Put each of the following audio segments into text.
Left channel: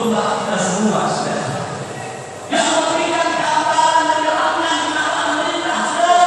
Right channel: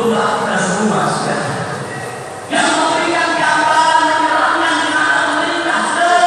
domba kita semua sudah. Yang memberikan gambaran menyerahkan kepada pemerintah sudah.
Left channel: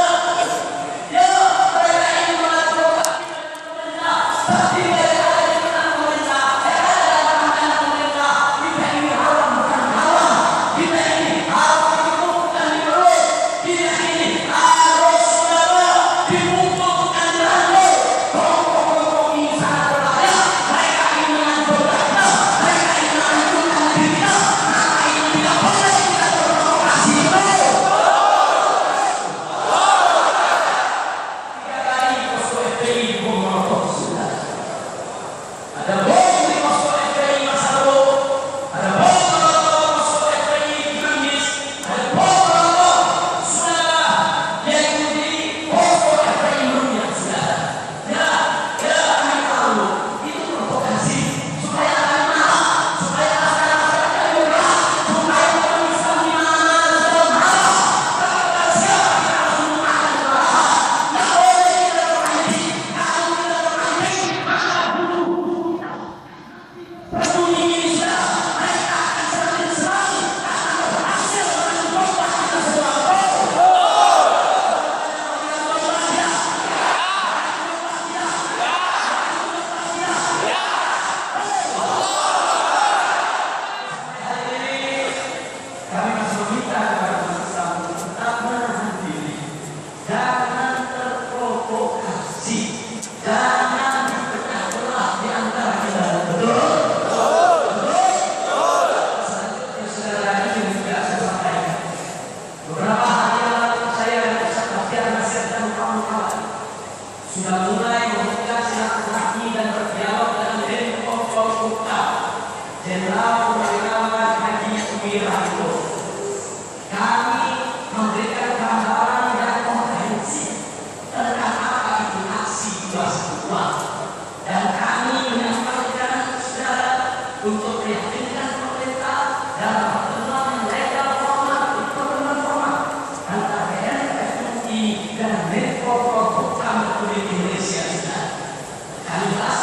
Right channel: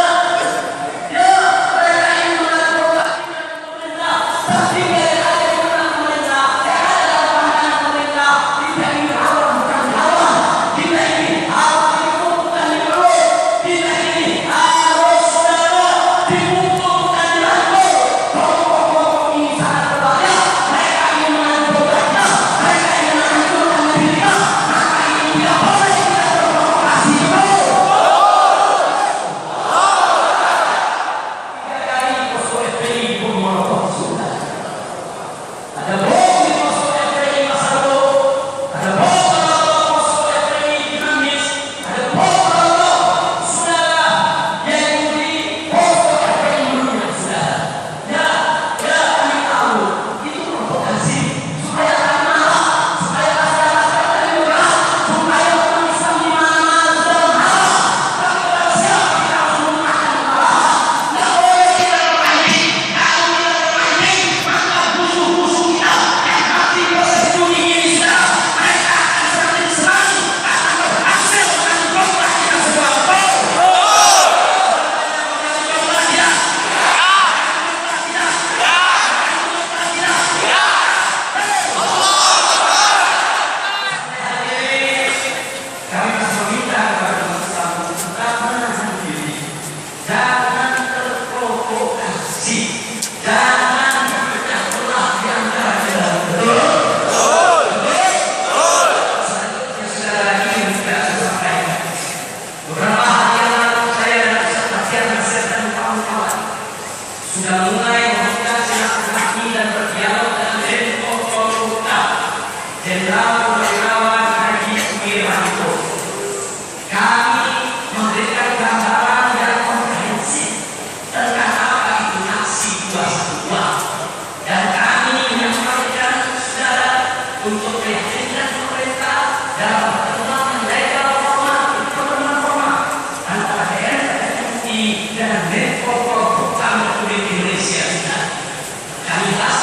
Ya, mereka ini mengatur pemerintah, tapi boleh ada di tangan pemerintah, ada dalam tangan pemerintah. Kita ini haram bukan halal, kita ini haram dibungkus bukan diurut, kita ini harus saudara dibungkus bukan diatur. Kelompok-kelompok ini sangat berbahaya. Mereka ingin mengatur rakyat, mereka ingin menghancurkan negeri kita, maka ini tidak boleh kita berprovokasi itu. Dari posko FPI pun molotov sudah. Ada bom di posko FPI Masado, ada bom molotov posko FPI di Cimanggis, ada bom molotov sudah yang di posko FPI Meruya sudah. Ya, kami tahu itu provokasi supaya kalian marah, supaya masyarakat kalian marah, supaya orang Islam di mana-mana sudah marah. Tapi pada siapa kita harus menggunakan kemarahan? Nggak boleh kita bermain. Kalau kita bermain, maka musuh-musuh kita yang mati bersembunyi ini sudah. Mereka akan semakin serang, akan berhasil mencoba kita semua. Kami masih meminta kepada umat Islam untuk tetap menahan diri, jangan terprovokasi, jangan dipecah belah di antara kita. Betul? Selanjutnya saudara lagi yang sudah saya sampaikan. Beberapa hari yang lalu saya dan Ustaz Bastian Nasir dan kawan-kawan sudah mulai membuka silaturahmi dan berdialog